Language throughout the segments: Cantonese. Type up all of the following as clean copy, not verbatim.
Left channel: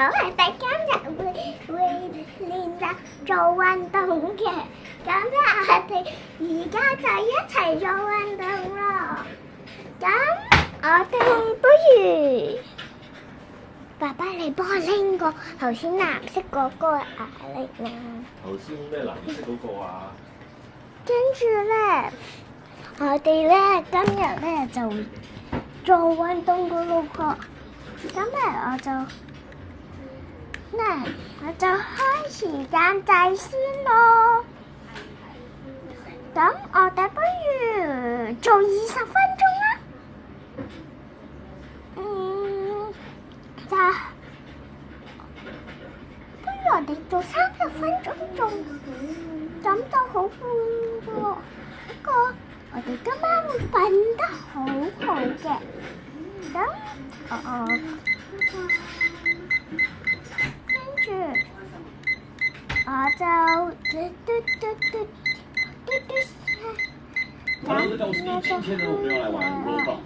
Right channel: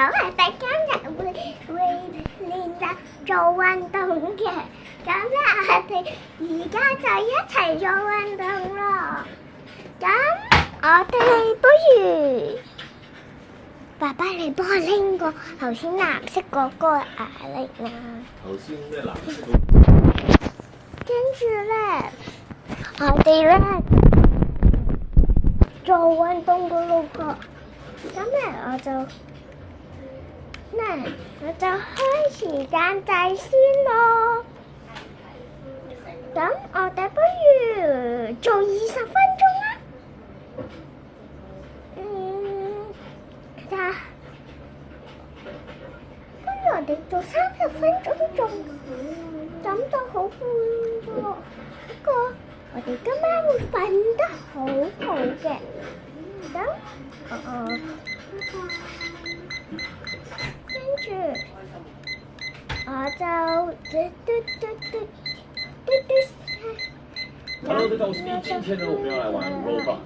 好，我哋今日會練習做運動嘅，咁咧我哋而家就一齊做運動咯。咁我哋不如爸爸你幫我拎個頭先藍色嗰個嚟啦。頭先咩藍色嗰個啊？跟住咧，我哋咧今日咧就做運動嘅咯喎。咁咧我就開時間計先咯。咁我哋不如做20分鐘啦。不如我哋做30分鐘仲，咁就好攰喎。不過我哋今晚會瞓得好好嘅。咁跟住我就Hello，大家好，我是D。今天呢，我们要来玩 Roblox。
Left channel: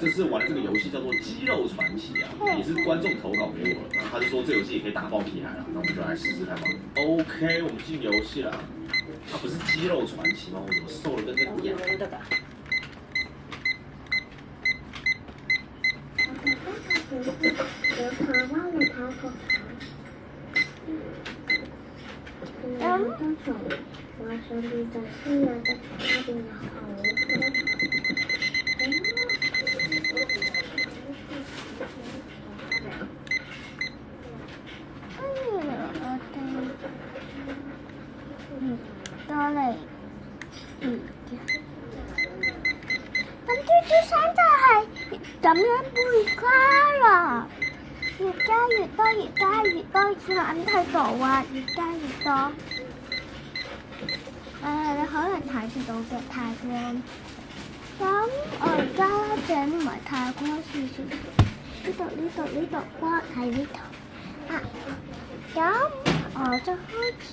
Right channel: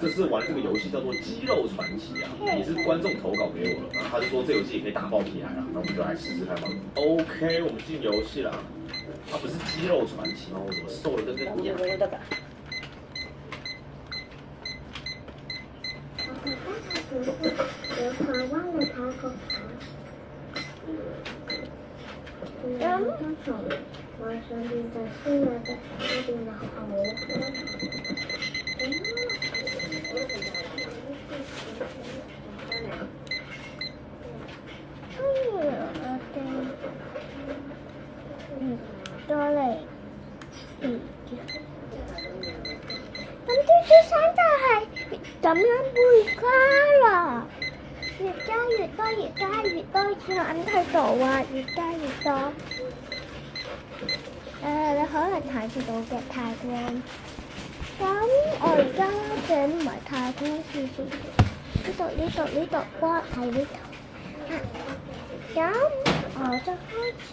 这次玩这个游戏叫做《肌肉传奇》啊，也是观众投稿给我的。他就说这游戏也可以打爆屁孩啊，那我们就来试试看吧。OK， 我们进游戏了。它不是肌肉传奇吗？我怎么瘦了跟个一样？我上邊就黐呀，下邊有牛。再嚟咁啲衫就係咁樣背加啦，越加越多，越加越多，眼睇到啊，越加越多。你可能睇唔到嘅太光，咁我而家整唔係太光少少，呢度光喺呢度啊，咁我就開始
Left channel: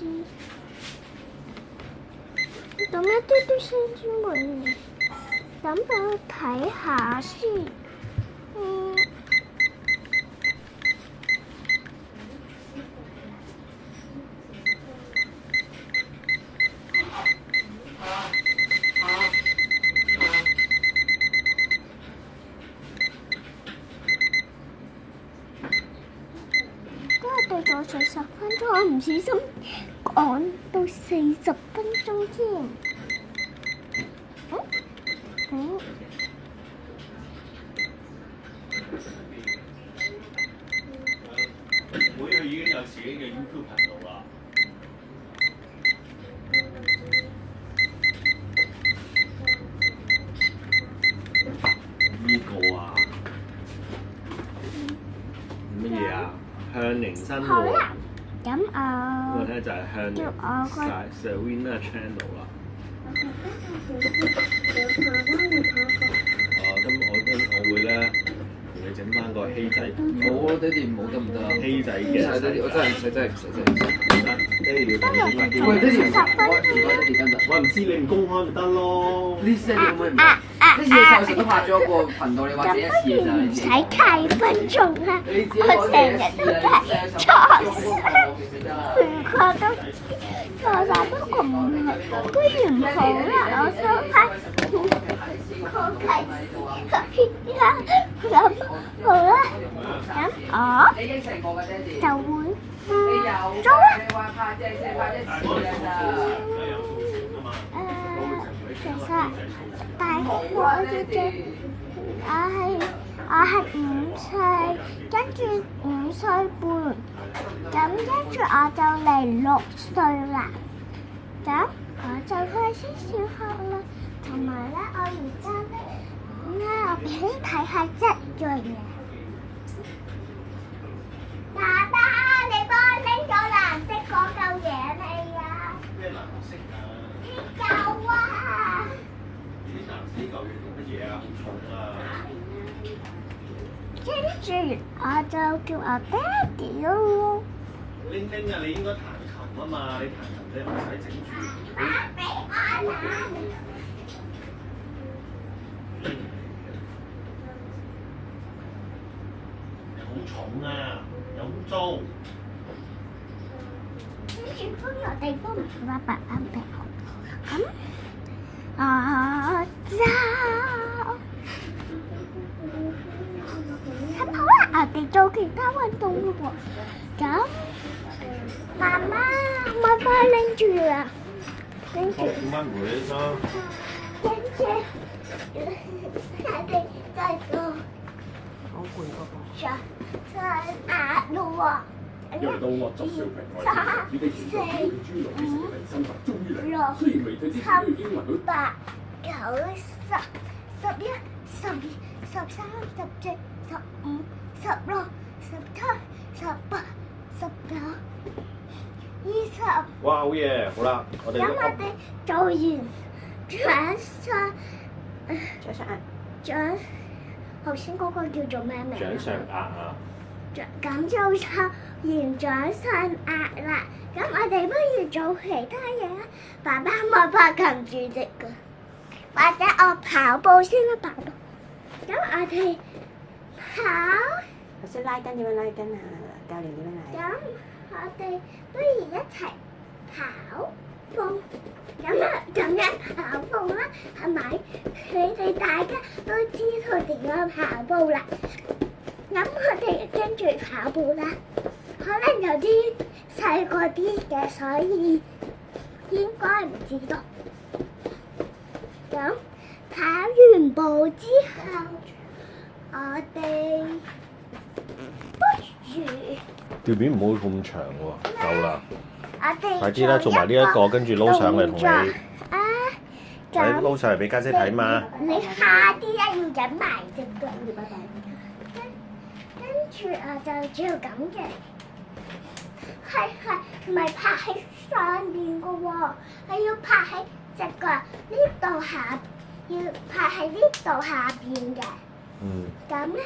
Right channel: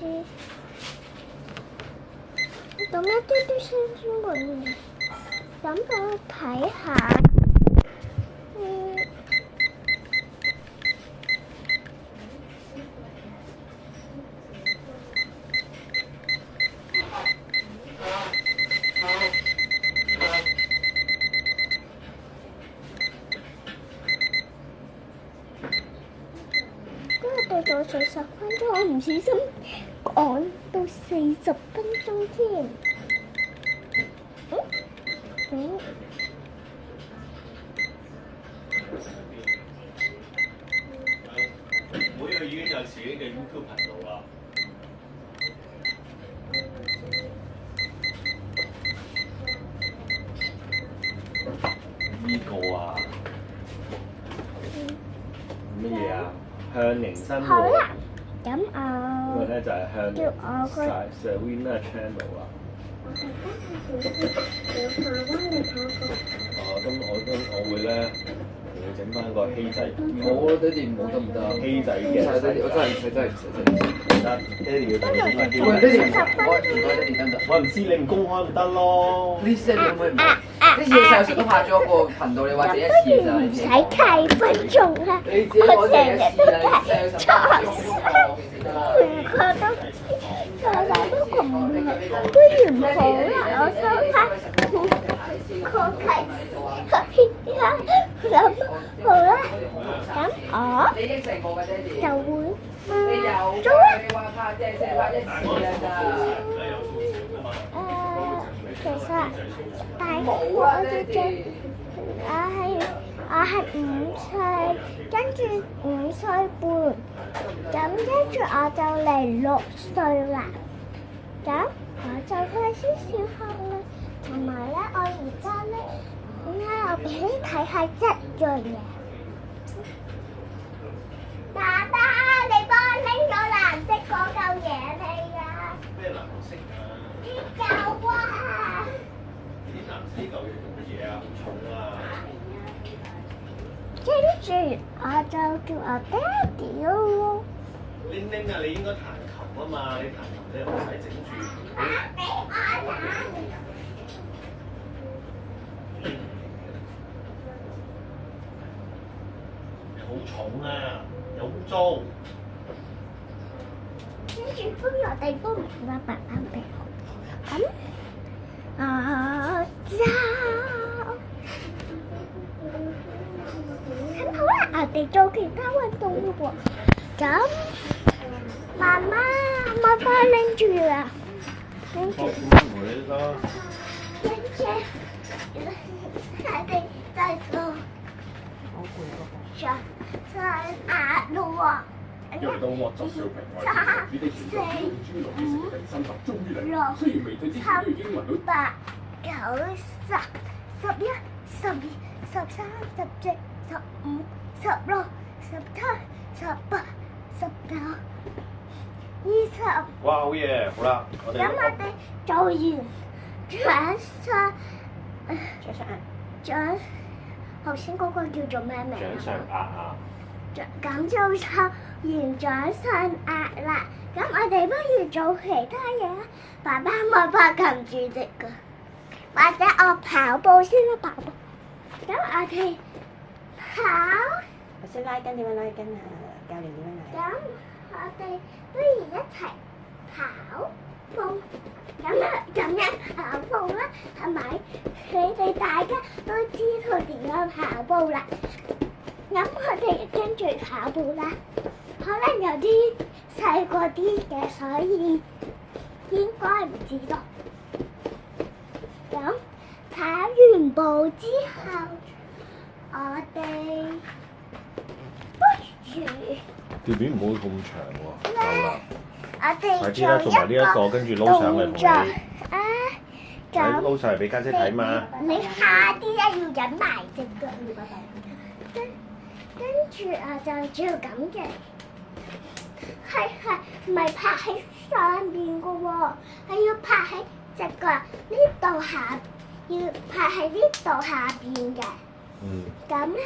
咁一啲先先會，咁我睇下先，做40分鐘，我唔小心趕到40分鐘添。每日已經有自己嘅 YouTube 頻道啦。呢個啊，乜嘢啊？向寧生好啦，咁我咧就係向叫我個 Serena Channel 啦。我會咧同你整翻個希仔。冇啊，爹哋冇得唔得啊？希仔嘅。爹哋，我真係唔使，真係唔使，真係唔使。得，爹哋要不如我哋喂，爹哋，10分我唔該爹哋得唔得？我唔知你唔公開咪得咯。呢啲爹哋可唔可以唔好？呢次你細時都拍咗個頻道，你話自己一次咋？唔使太分鐘啦，我成日都睇錯，唔覺得我成日都咁好，不如唔好啦，我想睇我睇咁好啦，咁我就會做啦。其實大概我係5歲，跟住5歲半，咁跟住我就嚟6歲啦。咁我就開始小學啦，同埋咧我而家咧，我俾你睇下一樣嘢。爸爸，你幫我拎咗藍色嗰嚿嘢未啊？咩藍色啊？有啊！呢啲藍色嚿嘢做乜嘢啊？好重啊！跟住我就叫我爹哋咯。玲玲啊，你應該彈琴啊嘛，你彈琴你唔使整住。俾我啦！好重啊，有污糟。跟住都有地方唔話白板病。咁就咁好啦，我哋做其他運動咯喎。咁媽媽，媽媽拎住啦，拎住。跟住我哋再做上壓咯喎。因為到惡作小平我哋與地前嘅豬肉嘅食第三集終於嚟，雖然未對之前都已經揾到。8、9、10、11、12、13、14、15、16、17、18、19、20。哇，好嘢，好啦，我哋咁我哋做完掌頭先嗰個叫做咩名？掌上壓啊！咁就做完掌上壓啦。咁我哋不如做其他嘢啦。爸爸冇法擒住隻腳，或者我跑步先啦，爸爸。咁我哋跑。頭先拉筋點樣拉筋啊？教練點樣拉？咁我哋不如一齊跑步。咁樣跑步啦，係咪？你哋大家都知道點樣跑步啦。咁我哋跟住跑步啦。可能有啲細個啲嘅，所以應該唔知道。咁跑完步之後，我哋不如條片唔好咁長喎，夠啦。我哋快啲啦，做埋呢一個，跟住撈上嚟同你。啊，你撈上嚟俾家姐睇嘛。你下啲咧要忍埋隻腳。跟住就要咁嘅，係唔係拍喺上邊嘅喎？係要拍喺隻腳呢度下，要拍喺呢度下邊嘅。嗯。咁咧。